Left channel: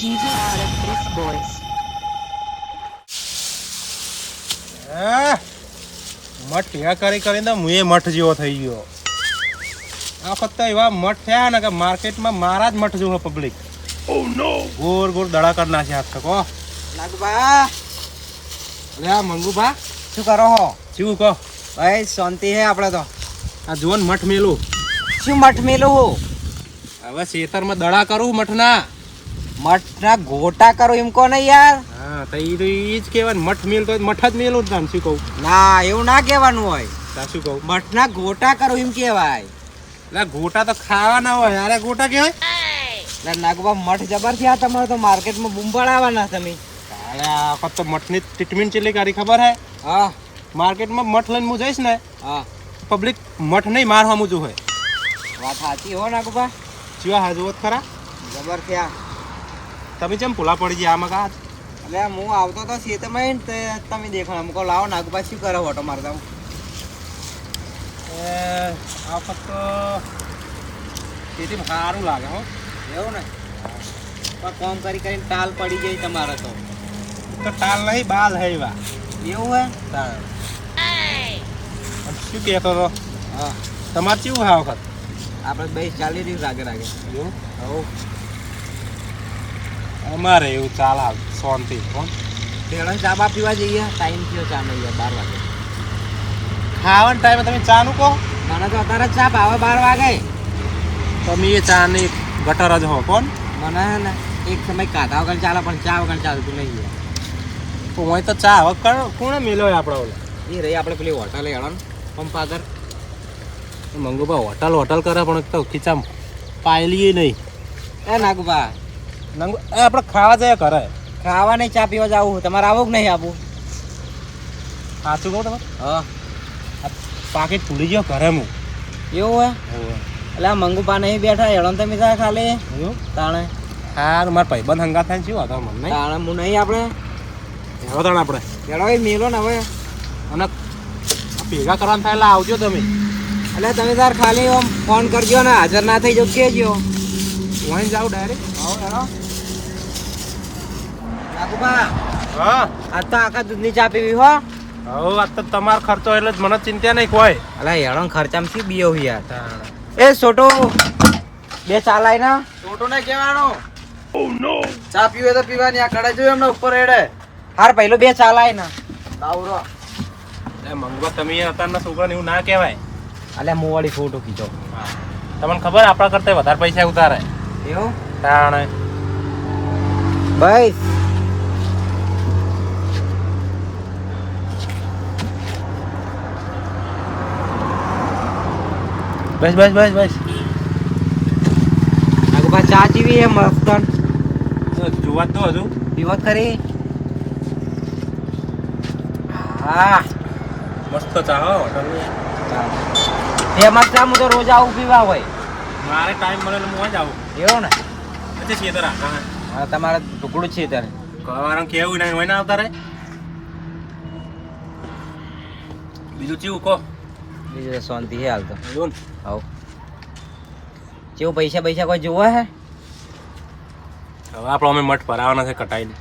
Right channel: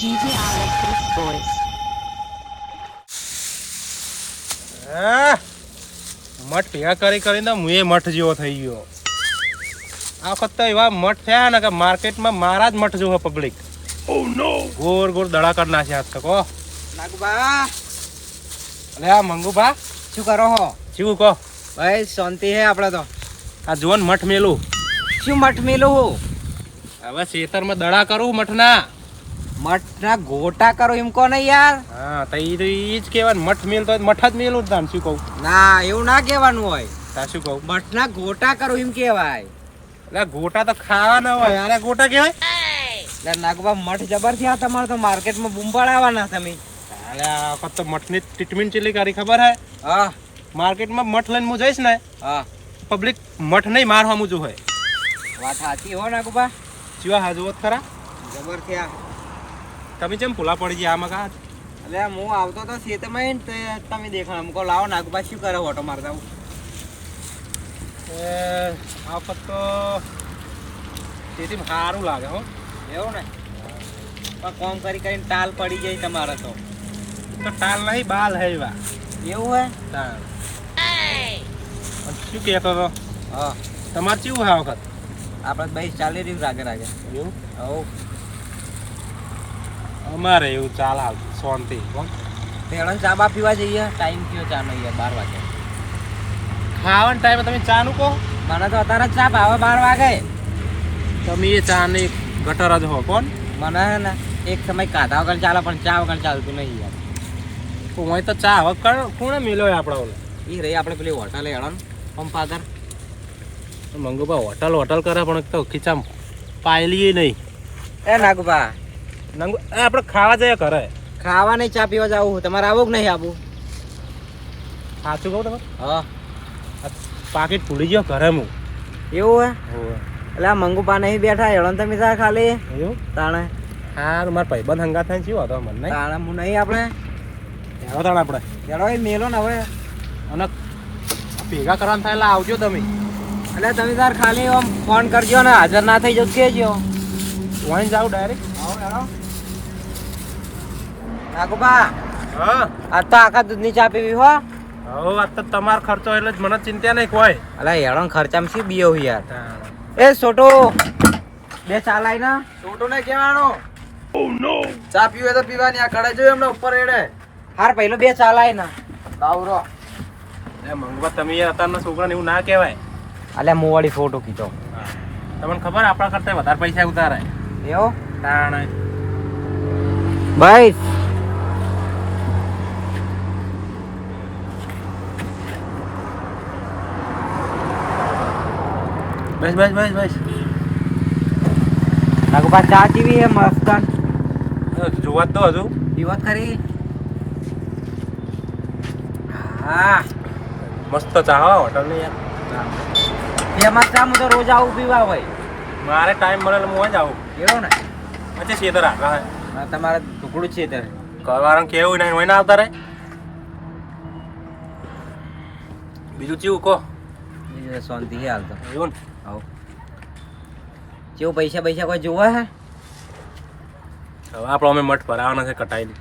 GGR Boys. મઠ ભેગા કરીને હું એ મઠ જેવો થઈ ગયો. આ વખત તો એવા મઠ થયા ને કે માર્કેટમાં મારા જ મઠ જેવો પબ્લિક. ગોળ ગોળ દડા કરી નાખ્યા આજ તક. નાગબા અલે આ મંગુભા શું કરો હો? જીવું કહો. ભાઈ શાંતિ હે આપણે તો. આ જોન મઠ મેલું. શું મઠ મેલું હો? હવે ખેતરમાં દડા કરું મઠના. મઠના ગોટા કરો એમ કો ને યાર. હા તો ઈ જ કહેવાય ને, મઠ મેલતો હોય તો મઠ જ મેલું જ તાન શું કહું. ના એવું ના કહેવાનું હોય. તા શું કહું. મઠના ગોટા કરો એમ કહેવાય. એટલે ગોટા તો ખાવાના હોય. અરે ગોટા કહેવાય. એટલે નાગબા મઠ જબર થયા તમારે તો માર્કેટમાં બૂમ પડાવવાના તમે. અરે આ વખત તો મઠની ટ્રીટમેન્ટ ચેલી કરી ખબર હે? હા માર્કેટમાં મઠ લઈને હું જઈશ ને, હા પબ્લિક મઠ નહીં મારવા મુજુ હોય. વાત સાચી હો નાગબા. જીવા હાજુ હોત ખરા. જબર થયા. તમે કેમ ભૂલા પડી ગયા આમાં કા? એટલે હું આવતો તો ખેતરમાં તે તમે દેખાણ અમકો લાવો નાગબા શું કરો ઓટો મારતા. આ વખત તો ખેતીમાં સારું લાગે હો. એવું ને પણ કોમ કરી કરીને ટાલ પડી જાય તમારે તો. તો ટાલ નહીં બાલ હે એવા. એવું હે? શું કહેતો હતો? હા તમારે કેવું છે આ વખત? આપણે ભાઈ ચાલી રહ્યું રાગે રાગે. એવું હવ અમારે એવું ચાલે શાંતિ. કોણ પેલો ચા બા પીવા જઈએ. ટાઈમ થયો ચા નો યાર 12 વાગે. ખાવાના ટાઈમે તમે ચા નું કહો? મને તો અત્યારે જ ચા ભાવે 12 વાગે. તમે એ ચા ની ગટર જ હો. કોણ મને હે ને એક સમય કાઢા વગર ચાલે પણ ચા વગર ચાલતું નહીં યાર. તો હું તો ચા હવે કોણે મેલ્યો આપણા ઓલા? એ રહી આપણે પેલી હોટલ હેડો પંપ આગળ. મંગુભા હોટલ કરે પણ તો ખીચામ પાયલી નહીં. એ નાગુબા આપણે ખાવા જઈએ કરે. ખાવા નહીં ચા પીવા જવું. તમારે આવું કે નહીં આવું? સાચું કહું તમારે? હા પાકીટ ભૂલી ગયો ઘરે હું. એવું હે? એટલે આ મંગુબા નહીં બેઠા હેડો તમે ત્યાં ખાલી. એવું તાણે હા મારા ભાઈબંધ હંગાત થાય શું હતો મને નહીં. તાણે હું નહીં આપણે એવો તાણ આપણે હેડો એ મેલો ને હવે. અને ભેગા કરવાનું થાય એટલે આવજો તમે. એટલે તમે તાર ખાલી આમ ફોન કરજો ને હાજર ના થઈ જવું કહેજો. વहीं જાવ ડાયરેક્ટ. આવો હેડો નાગુબા. હા આજ તો આખા દૂધની ચા પીવી હો. હવે વાત તો તમારો ખર્ચો એટલે જ મને ચિંતા નહીં કોઈ. અલા હેડો ખર્ચામાં શું બીયો યાર. એ છોટો બે ચા લાઈ ના. છોટો ને કહેવાનો ચા પીવે તો પીવાની. આ કડે જોયું એમને ઉપર હેડે. હાર પહેલો બે ચા લાઈ ના. બાવરો એ મંગવા તમે યાર અત્યારના છોકરાને એવું ના કહેવાય. અલે હું વાળી ફોટો ખીચો. તમને ખબર આપણા કરતા વધારે પૈસા ઉતારે. એવું તાણે ભાઈ બસ બસ બસ બસ. નાગુબા ચા ચીવી હે મસ્ત. જોવા તો હજુ પીવો ખરી. હા મસ્ત ચા હો હોટલની યાર. એ મસ્ત હું તો રોજ આવું પીવા હોય. મારે ટાઈમ મળે એટલે હું જ આવું. એવું ને પછી છેતર આગળ હા તમારે ટુકડું છે તારે. કવારણ કેવું નહીં હોય ને આવતા રે. બીજું ચેવું કહો. બીજું શાંતિ હે હાલ તો. જોન હવ કેવું પૈસા પૈસા કોઈ જોવા હે? હવે આપણો અમે મઠ ભરાવાના છે કટાઈને.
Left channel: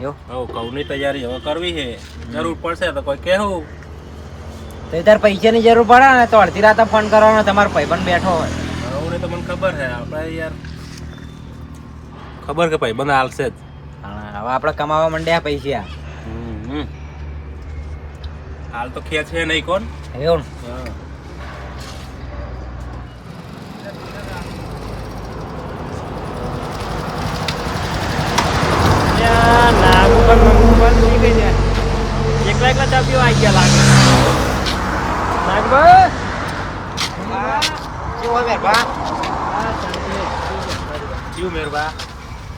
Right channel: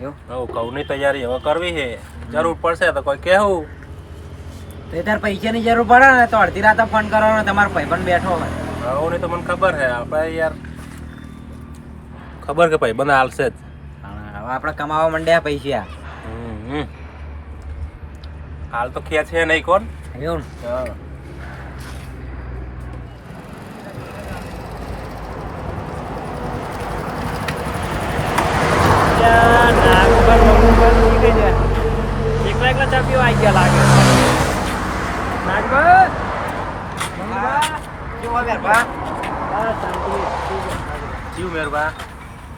એવું હવે કઉની તૈયારી હવે કરવી છે. જરૂર પડશે તો કોઈ કહેવું. તો તાર પૈસાની જરૂર પડે ને તો અડધી રાતે ફોન કરવાનો. તમારો ભાઈબંધ બેઠો હોય. હવે નહીં તો મને ખબર છે આપણે યાર ખબર કે ભાઈબંધ હાલશે જ. હવે આપણે કમાવા માંડ્યા પૈસા. હાલ તો ખેંચ છે નહીં કોણ. એવું હા નાગુબા મંગુબા ની ગઈ છે. એકલા એકલા ચા પીવા આવી ગયા લાગે. નાગબા કેવો મેરબા? હા શાંતિ. જીવ મેરબા.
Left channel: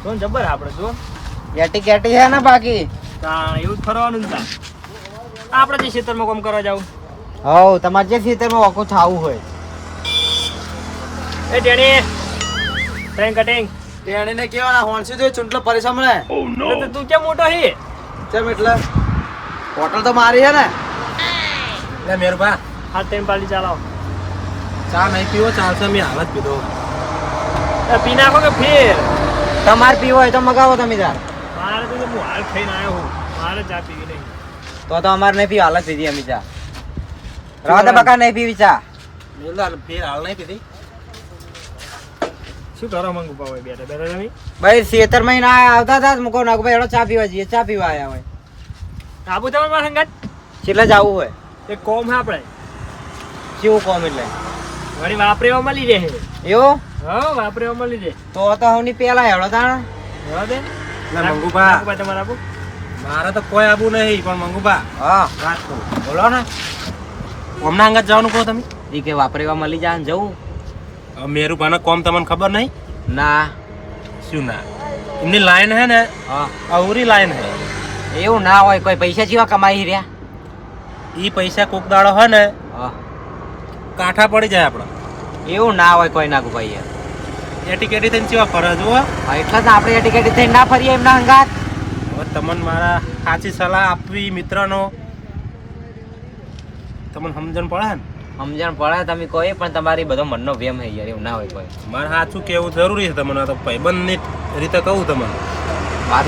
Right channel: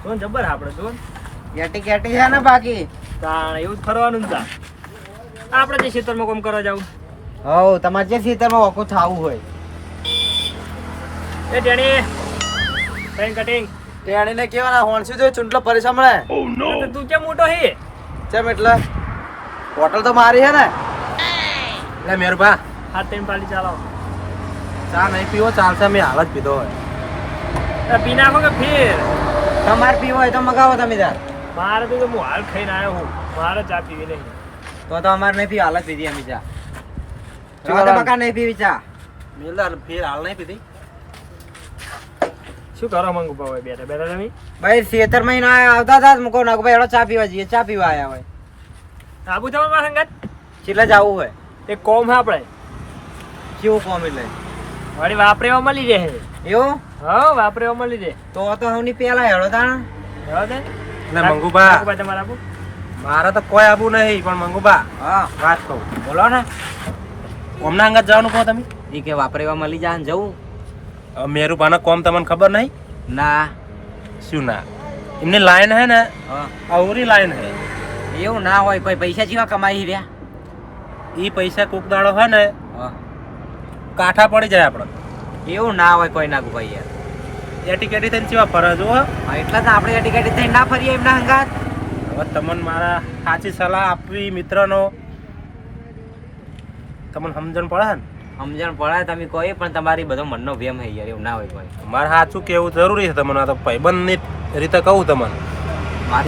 જોન જબર આપણે જોન ગેટી ગેટી છે ને બાકી તાણ એવું જ ફરવાનું ને તા. આપણે જે ખેતરમાં કામ કરવા જાવ. હવ તમારે જે ખેતરમાં વખો થાવું હોય. એ ડેડી ટ્રેન કટિંગ તેણીને કેવાના હોણસી તો ચૂંટલો પરેશાન મળે. તું કેમ મોટો હે? કેમ એટલે હોટલ તો મારી હે ને. એ મેરબા હાથ ટાઈમ પાડી ચાલો. ચા નહીં પીવો ચાલશે. મેં હાલ જ પીધો હોય. પી નાખો કે ફેર તમારે પીવો હોય તો મગાવો તમે તાર. મારે તો હું હાલ ખાઈને આવ્યો હું, મારે ચા પીવી નહીં. તો અમારે નહીં પીવી, હાલ જ પીધી અમે ચા. રાવા દે બકા, નહીં પીવી ચા. મેલદાર ફેર હાલ નહીં પીધી. શું કરો મંગુ ભાઈ બેઠા બેઠા તમે? ભાઈ 76 મહિના આવતા હતા મુકો નાગુ ભાઈ એડો ચા પીવા જઈએ. ચા પીવા આયા હોય. આબુ તમારે મારા સંગાત કેટલે જવું હોય? એક કોમ હે આપણે કેવું કોમ એટલે? વળી વાપરેવા મળી રહે. એવું? હા વાપરેવા મળી રહે. તો હવની પેલા હેડો તાણ. જવા દે. ને મંગુબા તમારે આબુ? મારે તો કોઈ આબુ નહીં, પણ મંગુબા હા વાત કહું, બોલો ને. કોમના અંગત જવાનું કહો તમે. ઈ કે વાપરેવા મળી જાય ને જવું? હવે મેરુભાના કોમ તમને ખબર નહીં? ના. શું ના? એમની લાઈન હે ને હા અવરી લાઈન હે. એવું ના હોય. કોઈ પૈસા જેવા કમાઈ રહ્યા. ઈ પૈસા કોક દાડો હે ને હા કાંઠા પડી જાય આપણે. એવું ના હોય કોઈ નાગુ ભાઈ. એટીકેટી થઈને ચેવા ફરે જુઓ. હા એટલે જ આપણે ટિકિટ થઈને ના ફરીએ એમના હંગાત. હવે તમને મારા સાચી સલાહ આપવી મિત્રનો તમને સમજણ પડે ને. સમજણ પડે તમે કોઈ, પણ તમારી બધો મનનો વેમ હે યાર. એવું ના હોય કોઈ. મારે સાચું કેવું જરૂરી છે તમને. આ તો ભાઈબંધની રીતે કહું તમને. વાત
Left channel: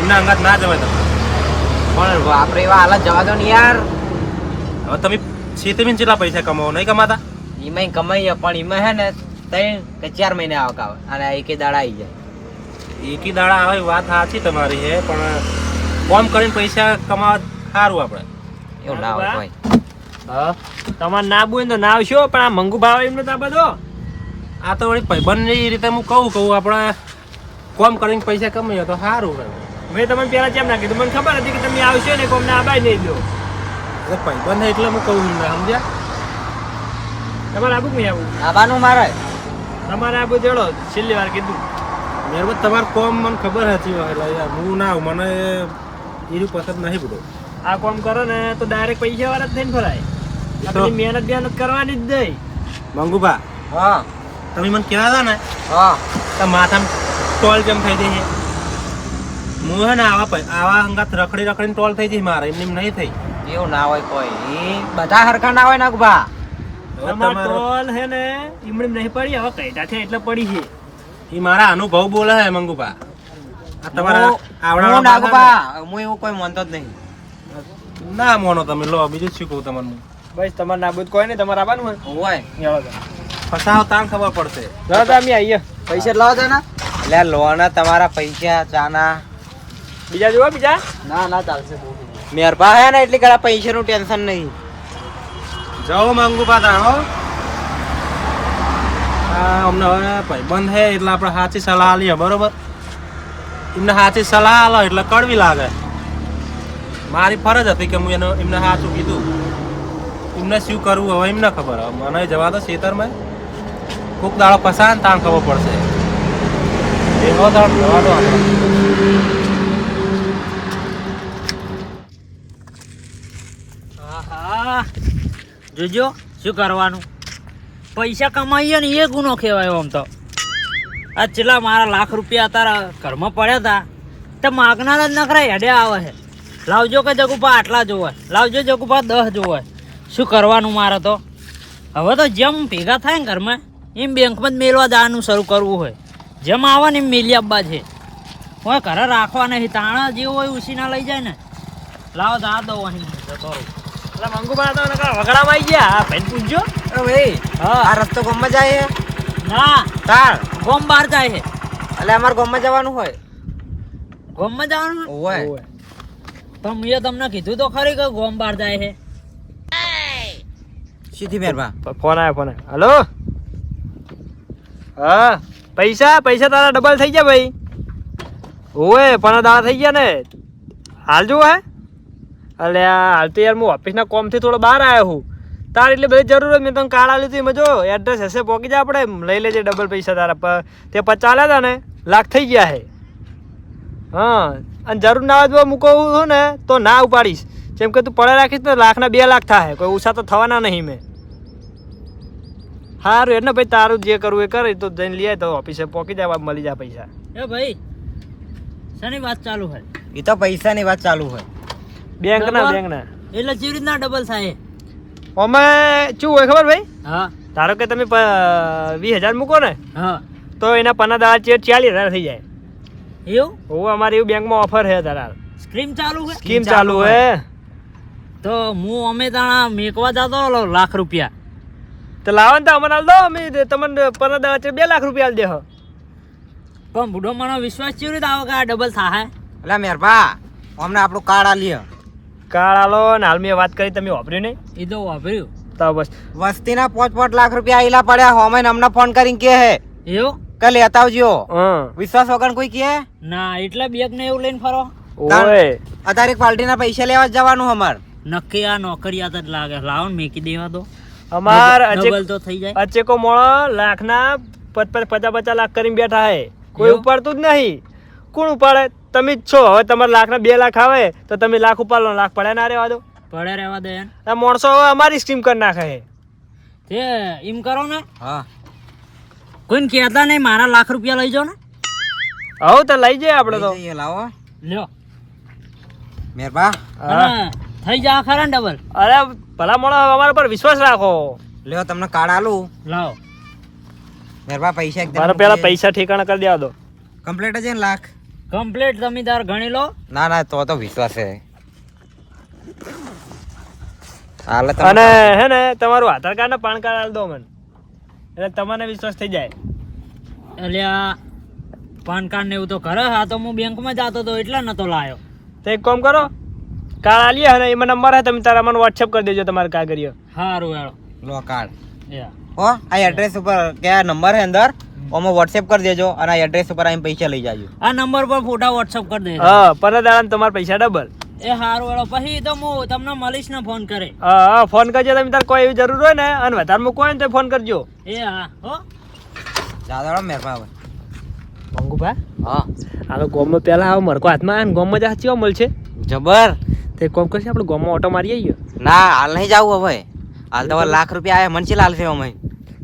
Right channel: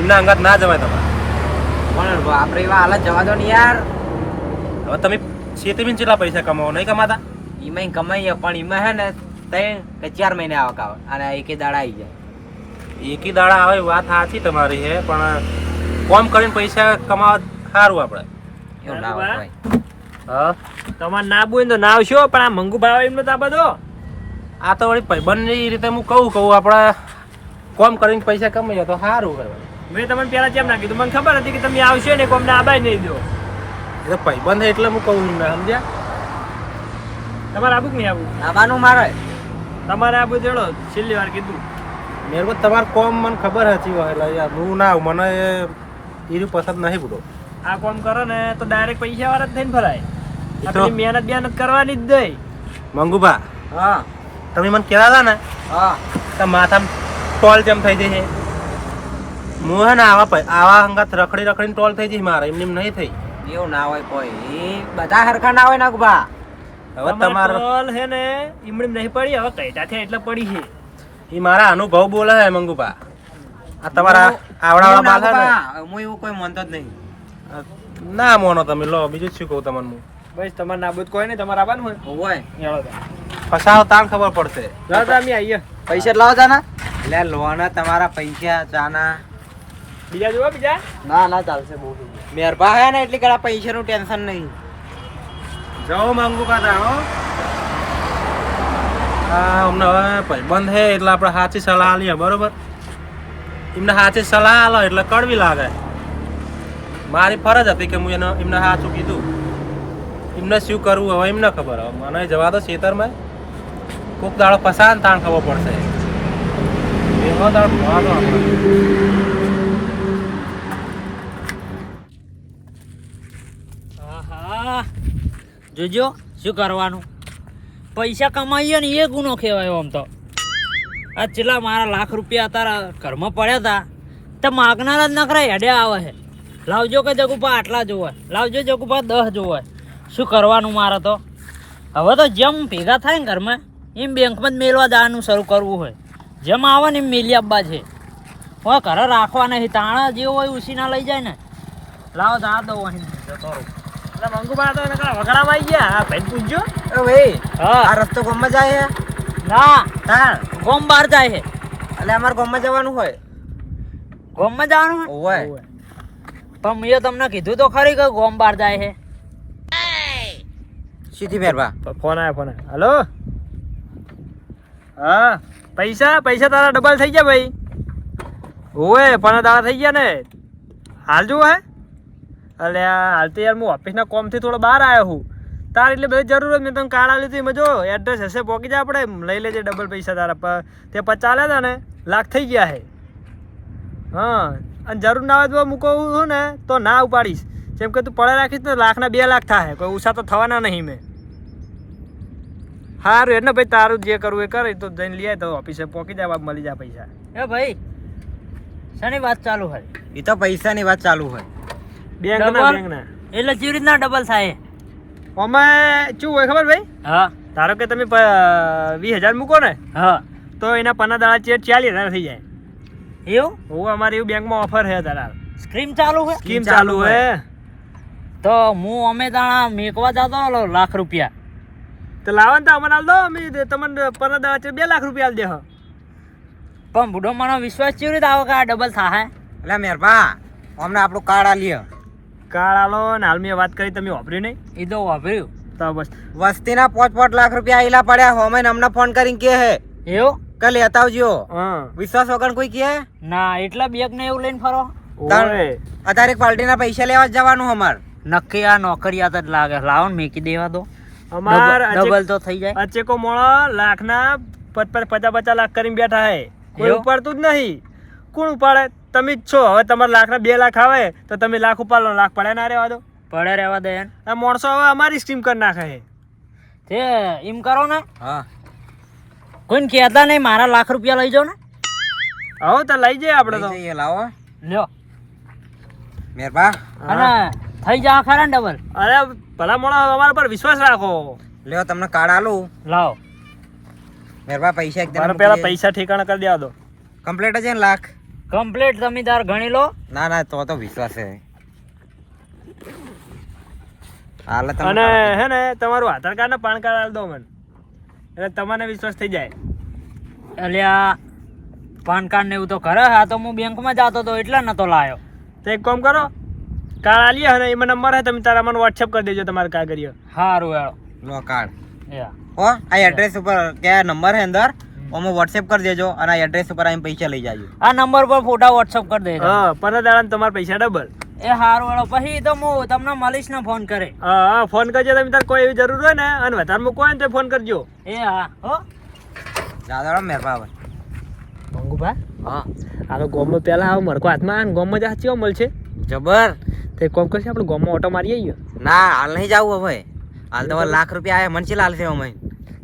એમના અંગાત ના જવાય તમારે. પણ આપણે એવા હાલત જવા દો ને યાર. હવે તમે ખેતીમાં કેટલા પૈસા કમાવો નહીં કમાતા? એમાં કમાઈએ, પણ એમાં હે ને 3 કે 4 મહિને આવક આવે અને એકે દાડા આવી જાય. એકી દાડા આવે વાત સાચી તમારી છે, પણ કોમ કરીને પૈસા કમાવા સારું આપણે. એવું ના હોય કોઈ. હા તમારે ના બોય તો ના આવશો, પણ આ મંગુ ભાવ એમને તો આ બધો આ તો વળી ભાઈબંધની રીતે હું કહું આપણે કોમ કરીને પૈસા કમાઈએ તો સારું કરવા. મેં તમને પેલા કેમ ના કીધું? મને ખબર હતી કે તમે આવશો ને કોમને આબાય નહીં દો. એ તો ભાઈબંધ છે એટલે હું કહું એમને, સમજ્યા? તમારે આબુ કે નહીં આબુ? આવવાનું મારે. તમારે આબુ ચડો, છેલ્લી વાર કીધું. મેરબત તમારે કોમ મને ખબર હતી એટલે યાર હું ના આવું, મને એનું પસંદ નહીં બધો. આ કોમ કરો ને તો ડાયરેક્ટ પૈસા વાળા જ થઈને ફરાય. આપણી મહેનત કરવાની જ નહીં. મંગુભા હા તમે મને કહેતા હતા ને હા તો માથામાં ટોલ જેમ થઈ જઈએ. હું હે ને આવા હંગાત રખડીને ટોલ થઈ જઈ મારે, એમની નહીં થઈ. એવું ના હોય કોઈ. બધા હરખા ના હોય નાગભા. હવે તમારે તમારે ટોલ હે ને ઈમડી નહીં પડી, હવે કઈટા છે એટલે પડી છે. એ મારા અનુભવ બોલે હે મંગુભા. આ તમારા આવડાવા બાધા હું એવું કોઈ માનતો જ નહીં. ના મોનો તમે લો, બીજું શું કહું તમને હું. બસ તમારે નાબૂદ કોઈ નહીં, તમારે આવવાનું હોય હોય એવો તો. ફસાવો તાણ ખબર પડશે. જાઓ તો અમે આવીએ. પૈસા લાવો તાના. એટલે લોના તમારા પૈસા ચાના. બીજા જોવા બીજા? ના ના ચાલશે. બહુ મહેરબા હે ને એટલે ઘણા પૈસાનું ટેન્શન નહીં. જાઓ મંગુભા તાણ હો. હા અમને હવે ભાઈબંધ હે એટલે આપણે સાચી સલાહ આલીએ, બરોબર? એમને સાચી સલાહ આલો એટલે કડવી લાગે. મારી ફરજ હતી કે હું એમને સાચું કીધું. એમને શું કરવું હવે એમને ખબર. હવે મને જવા દો ખેતરમાં, કોક દાડો પસાન તાણ ખબર પડશે. એવો દાડો જવા દો આપણે. આહા. જોજો શું કરવાનું, પૈસા કમાઈએ ને એ ગુનો કહેવાય. આમ તો આ છેલ્લા મારા લાખ રૂપિયા તારા ઘરમાં પડ્યા હતા તો માગનાર જ નખરાય હેડે આવે છે. લાવજો કે જગુપા આટલા જોવે, લાવજો જગુપા 10 જોવે. શું કરવાનું મારે તો? હવે તો જેમ ભેગા થાય ને ઘરમાં એમ બેંકમાં જ મેળવા દાવાનું શરૂ કરવું હોય. જેમ આવે ને એમ મેલી આપવા છે. હવે ઘરે રાખવા નહીં, તાણા જે હોય ઉસીના લઈ જાય ને. લાવો જા દો અહીં જતો રહું. એટલે મંગુભાઈ તો વગડામાં આવી ગયા. હા ભાઈ પૂછજો. એ ભાઈ હા. આ રસ્તો ગામમાં જાય છે? ના તાર ગોમ બહાર જાય છે. એટલે અમારે ગામમાં જવાનું હોય. ગોમમાં જવાનું છે? હોય પણ મેં તમને કીધું તો ખરી કે ગોમ બહાર જાય છે. સીધી મહેરબા. ફોન આવ્યો. હલો. હા પૈસા તારા ડબલ થઈ ગયા ભાઈ. ઓય પણ દાડા થઈ ગયા ને. હાલ જુઓ હે. અલે હાલ તો યાર હું ઓફિસના કોમથી થોડો બહાર આવ્યો હું. તાર એટલે બધી જરૂર મેં તને કાર્ડ આલ્યું હતું એમાં જો એડ્રેસ હશે પહોંચી જાય આપણે લઈ લેજે ડબલ પૈસા તારા. તે 50 આલ્યા હતા ને, લાખ થઈ ગયા છે. હા અને જરૂર ના હોય તો મૂકવું છું ને તો ના ઉપાડીશ. જેમ કે તું પડે રાખીશ ને લાખના 2 લાખ થાય, કોઈ ઉષા તો થવાના નહીં મેં. સારું એટલે ભાઈ તારું જે કરવું એ કરે તો જઈને લઈ તો ઓફિસે પહોંચી જાય, મળી જાય પૈસા. એ ભાઈ શાની વાત ચાલુ હોય? એ તો પૈસાની વાત ચાલુ હોય. બેંકના એટલે કેવી રીતના ડબલ થાય? અમે શું હોય ખબર ભાઈ? હા ધારો કે તમે 20,000 મૂકો ને હા તો એના 15 દાડા 40,000 થઈ જાય. એવું હોવે અમારે એવું બેંકમાં ઓફર છે તારા સ્કીમ ચાલુ છે સ્કીમ ચાલુ હે તો હું અમે તાણા મેકવા જતો હતો લાખ રૂપિયા તો લાવો ને તો અમને હાલ દો અમે તમને 2 લાખ રૂપિયા આલ દે હો પણ બુઢો મને વિશ્વાસ કેવી રીતે આવે કે આ ડબલ થાય એટલે મેરભા અમને આપણું કાર્ડ આલીએ કાર્ડ આલો ને હાલ મેં વાત કરી તમે વાપર્યું નહીં એ તો વાપર્યું તો બસ વસ્તીના 5 લાખ રૂપિયા આયેલા પડ્યા હોમે અમને ફોન કરીને કે હે એવું કે લેતા આવજો હં વિશ્વાસ વગર કોઈ કે ના એટલા બેગ ને એવું લઈને ફરો ઓવે અત્યારે પાર્ટીના પૈસા લેવા જ જવાનું અમાર નક્કી આ નોકરિયાત જ લાગે લાવો ને મેકી દેવા દો અમાર ડબલ તો થઈ જાય અચેકો મોળો લાખના 50 લાખ કરીને બેઠા હે કોઈ એવું? ઉપાડતું જ નહીં કોણ ઉપાડે તમે જ છો હવે તમારે લાખના 2 લાખ આવે તો તમે લાખ ઉપાડો લાખ પડે ના રહેવા દો પડે રહેવા દે એમ. આ માણસો હવે અમારી સ્ટીમ કરી નાખે છે. તે એમ કરો ને હા કોઈને કહેતા નહીં મારા લાખ રૂપિયા લઈ જાઓ ને હવે તો લઈ જઈએ આપણે તો લઈ જઈએ, લાવો લ્યો મેરભા અને થઈ જા ખરા ને ડબલ અરે ભલા મોણા અમારા પર વિશ્વાસ રાખો લ્યો તમને કાર્ડ આલું લાવો મેરભા પૈસા મારે પેલા પૈસા ઠેકાણા કરી દેવા દો કમ્પ્લીટ છે ને લાખ કમ્પ્લીટ તમે તાર ગણી લો ના ના તો વિશ્વાસ છે હાલે અને હે ને તમારું આધાર કાર્ડ ને પાન કાર્ડ આલ દો મને એટલે તમને વિશ્વાસ થઈ જાય એટલે આ પાન કાર્ડ ને એવું તો કરે હા તો હું બેંકમાં જતો હતો એટલે નતો લાયો તો એક કામ કરો કાર્ડ આલીએ અને એમાં નંબર હે તમે તારા મને વોટ્સએપ કરી દેજો તમારે કાગળિયો સારું હેડો લો કાર્ડ યા હો આ એડ્રેસ ઉપર કયા નંબર હે અંદર ઓમાં વોટ્સએપ કરી દેજો અને આ એડ્રેસ ઉપર આવીને પૈસા લઈ જાજો આ નંબર પર ફોટા વોટ્સઅપ કરી દેજો હા પર દાડા તમારા પૈસા ડબલ એ સારું હેડો પછી તો હું તમને મળીશ ને ફોન કરે હા ફોન કરજો તમે તાર કોઈ એવી જરૂર હોય ને અને વધારે મૂકો હોય ને તો ફોન કરજો એ હા હો દાદા મેરભા હવે મંગુભાઈ હા આ તો ગોમમાં પહેલા આવો મરકો હાથમાં અને ગોમમાં જ સાચી મળશે જબર તો એક કામ કરશે આપણે ગોમમાં ઓટો મારી આવીએ ના હાલ નહીં જાવું હવે હાલ તો હવે લાખ રૂપિયા આયા મનસી લાલશે અમે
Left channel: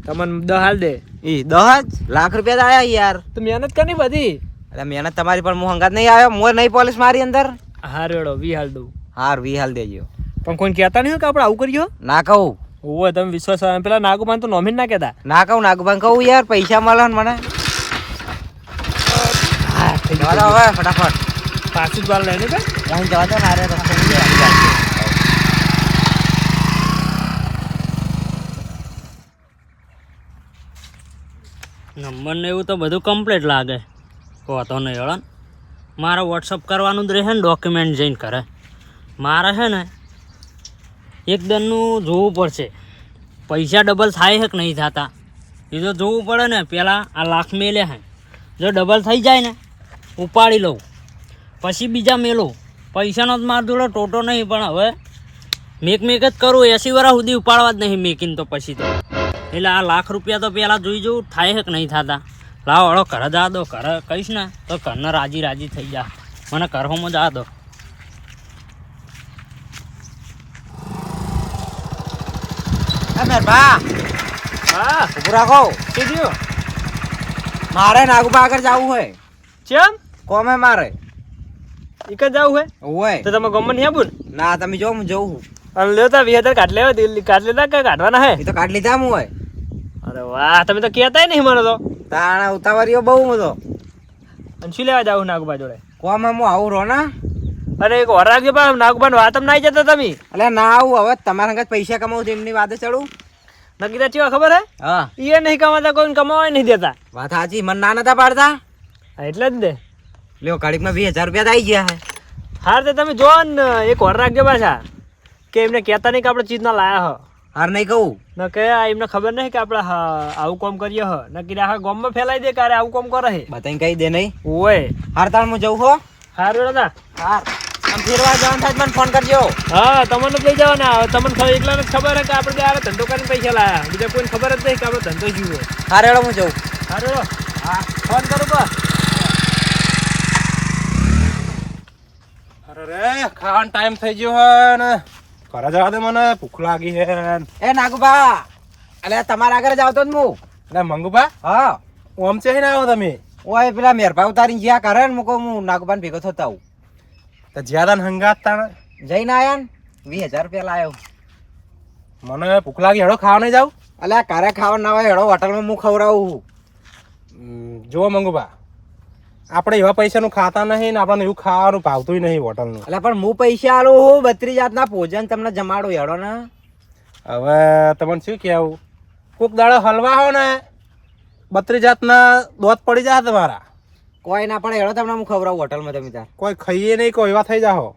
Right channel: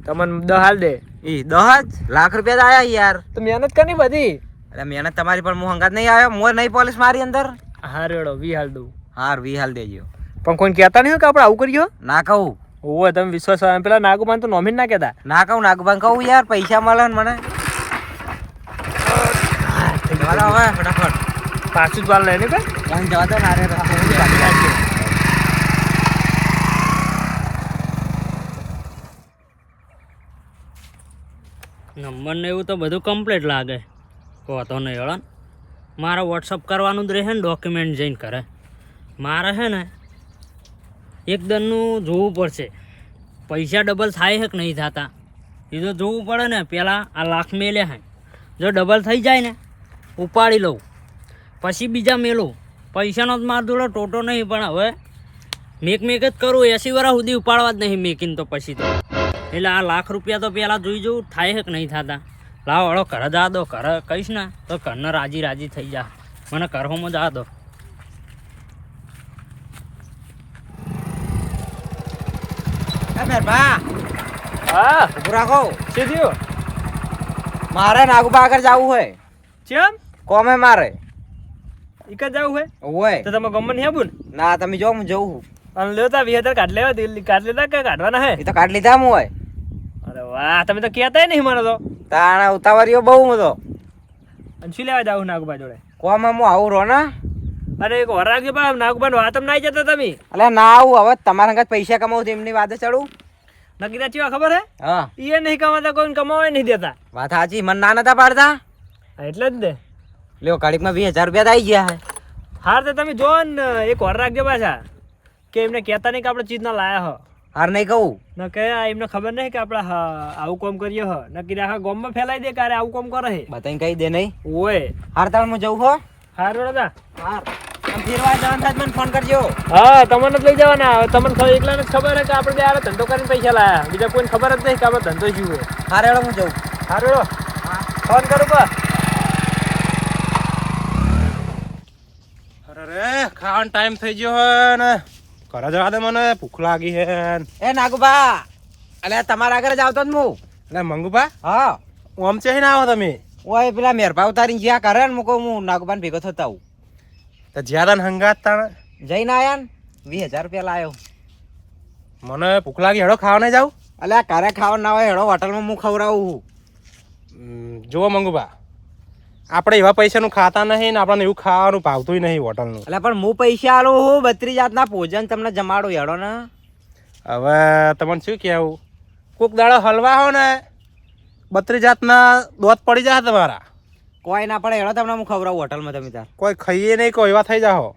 તમને 10 હાલ દે ઈ 10 લાખ રૂપિયા તો આયા યાર તો મહેનત કરી બધી એટલે મહેનત તમારી પર હું હંગાત નહીં આવ્યો મોર નહીં પોલીસ મારી અંદર હા રેડો 20 હાલ દઉં હાર વી હાલ દેજો પણ કોઈ કહેતા નહીં હોય કે આપણે આવું કર્યો ના કહું ઓવે તમે વિશ્વાસ આવે પેલા નાગુમાન તો નોમીન ના કહેતા ના કહું નાગભાઈ કહું યાર પૈસા મળે ને મને ચાલો હવે ફટાફટ પાછું જ બાર લઈને કે અહીં જવા દો ને આરે રસ્તે નહીં જવાનું. નંબર ને એવું તો બધું કમ્પ્લીટ લાગે વાતો નહીં હેડો ને મારે વોટ્સઅપ કરવાનું જ રહે ને ડોક્યુમેન્ટ જઈને કરે મારે છે ને એકદમનું જોવું પડશે પૈસા ડબલ થાય છે કે નહીં થતા એ તો જોવું પડે ને પહેલાં આ લાખ મેલે છે જો ડબલ થઈ જાય ને ઉપાડી લઉં પછી બીજા મેલું પૈસાનો જ માર જોડે ટોટો નહીં પણ હવે મેક જ કરું 80 વર્ષ સુધી ઉપાડવા જ નહીં મેકીને તો પછી તો એટલે આ લાખ રૂપિયા તો પહેલાં જોઈ જવું થાય છે કે નહીં થતા લાવો હળો ઘરે જા દો ઘરે કહીશ ને તો ઘરના રાજી થઈ જા મને ઘરમાં જા દો મેરભા હા ઉભું રાખો શું થયું મારે નાગુબા આગળ જવું હોય ચમ કોમે મારે એક જ જવું હે હોય તો તમે ગમન નહીં આવું ના તમે જો હું જઉં અને લેતા 2000 કાઢ લેવા કાઢ લેતા કે કાઢવાના હે એ તો કાઢ લીધા હું હોય અરે વાહ તમે તો કહેતાય નહીં મને તો તાણા ઉતાવળીઓ બહુ મતો અને શું લેવા જાવ નાગુબા જોડે કોમે હું આવું રહો ને અરે એક વાર રાખજો પણ નાગુબાને વાત ના આવી જતા તમે એટલે ના આવું હવે તમારા હંગાત પૈસા કમાવું એમની વાતે ચડું નક્કી તો ચેવા ખબર હે હા એ નહીં કમાતા કોઈને કમાવા નહીં દેતા વાત સાચી મને ના નતા પાડતા હા, એટલે જ ને લ્યો કાઢીકમાં 20,000 રૂપિયા તો આવી ગયા હે હાર તો તમે જો ને એક વાર રાખજો પાછા કે એમને કહેતા નહીં કે આપણે ચીજ ના લાયા હ હાર નહીં કહું ન કે આ એમને ખબર નહીં કે આપણે આવું કામ કરીએ હ નક્કી આખા ગામમાં ફેલાઈ દે કે અરે આવું કામ કરે હે બતાવીને કહી દે નહીં ઓય હાર તાણ હું જઉં હો હાર બેટા હાર આમ ફેરવા જવાનું થાય તો મને ફોન કરજો હા તમને જ લઈ જવાના હવે તમને ખબર એકલાને જ ખબર હે કે આપણે બે આ ધંધો કરીને પૈસા લાયા બીજા કોઈને ખબર જ નહીં કે આપણો ધંધો શું હે હાર હેડો હું જઉં હાર બેડો ફોન કરો તો અરે રે ખાવાનો ટાઈમ થઈ ગયો હે ને ઘરે જવા દે મને ભૂખ લાગી હે એ નાગુબા અલે તમારા આગળ જ આવતો જ હું એટલે મંગુભા હા ઓમ છે ને આવો તમે ઓય પેલા મેરભા ઉતારીને જ્યાં કરે ને મૂકો હું નાગુબાને ભેગો થતા આવું તો જ્યાદા હંગાત તાણ જઈને આયા ને 20,000 રૂપિયા લાયો મને ભૂખ લાગી હેડો ખાવા નહીં જાવ અલે ઘરે ખાવા ના હોય હેડો હોટલમાં હું ખવડાવું જુઓ મંગુભા આપણે એવા પૈસાનું ખાતા નહીં ને આપણને એવું ખાવાનું ભાવતું નહીં હોટલનું. એટલે પણ હું પૈસા આલું હું 32 જાતના ભોજન તમને જમાડું હેડો ને. હવે તમને શું કહેવું, કોક દાડો હલવા હો ને 32 જાતના દોત પડી જાય તમારા. કોઈ ના પડે હેડો તમને હું ખવડાવું હોટલમાં તમે તાર. કોઈ ખાઈએ નહીં, કોઈ એવા થઈ જાઓ.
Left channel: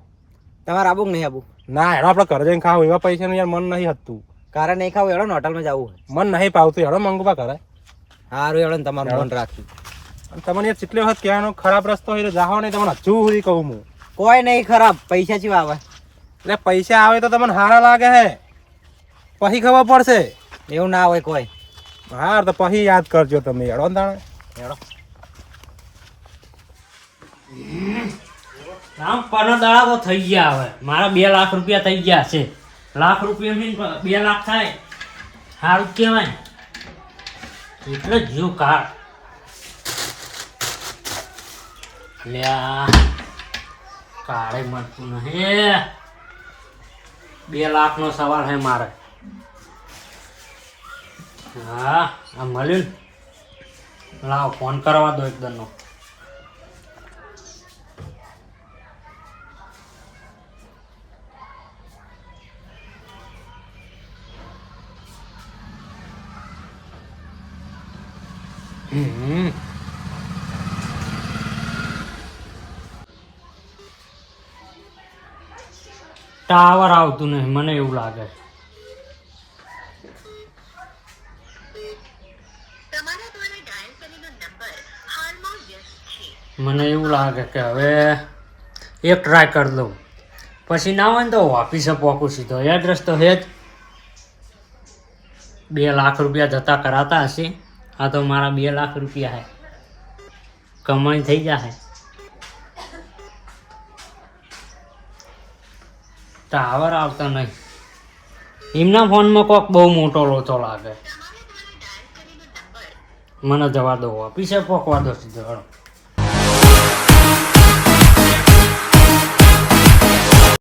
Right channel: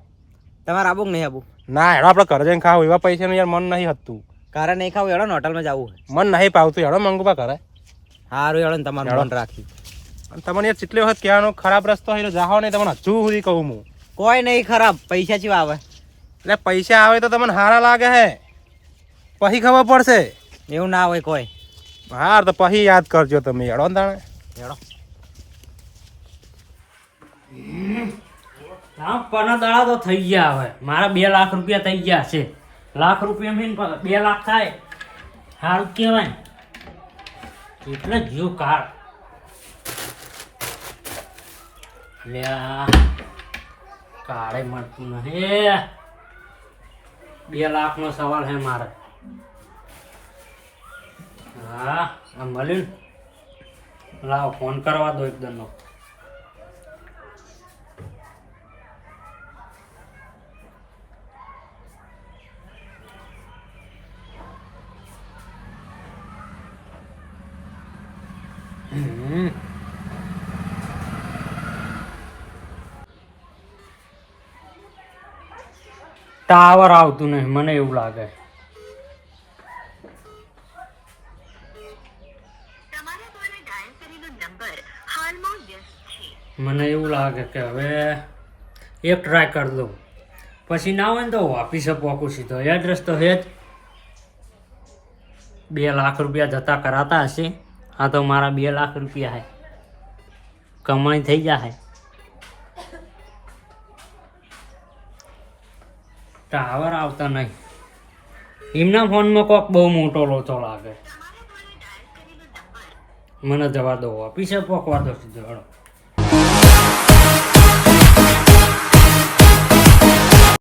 તમારે આબુ કે નહીં આબુ? ના હેડો આપણે ઘરે જઈને ખાવું, એવા પૈસાનું યાર મન નહીં હતું. કારે નહીં ખાવું હેડો ને હોટલમાં જવું. મન નહીં પાવતું, હેડો મંગવા કરે. સારું હેડો ને તમારું હેડો. મન રાખી. અને તમને યાર કેટલી વખત કહેવાનો ખરાબ રસ્તો હોય તો જાઓ નહીં, તમને હજુ સુધી કહું હું. કોઈ નહીં ખરાબ, પૈસા ચેવા આવે? એટલે પૈસા આવે તો તમને સારા લાગે હે, પછી ખબર પડશે. એવું ના હોય કોઈ. હાર તો પછી યાદ કરજો તમે. હેડો ને તાણે. હેડો. આમ 15 દાડા તો થઈ ગયા. હવે મારા 2 લાખ રૂપિયા થઈ ગયા છે. લાખ રૂપિયા 2 લાખ થાય સારું કહેવાય. એટલે જીવ કાઢ લ્યા, કાળે મળતું નહીં. 2 લાખનો સવાલ છે મારે. હા આ મળ્યું ને, લાવો ફોન કરવા દો એકદમનો. ટાવર આવતું નહીં મને એવું લાગે. મને એવું લાગે કે હવે એક ટ્રાય કરી દઉં, પછી ના હોય ને તો ઓફિસે પહોંચું સીધો. એડ્રેસ તો હે જ. 2 લાખ રૂપિયા જતા કરાતા હશે. આ તો મારા 2 લાખ રૂપિયા હે, કમાણી થઈ જાય. ટાવર આવતા નહીં. એમના ફોનમાં કોક બહુ મોટો લોચો લાગે. મને જવા દો, ઓફિસે પહોંચવા દો સીધો.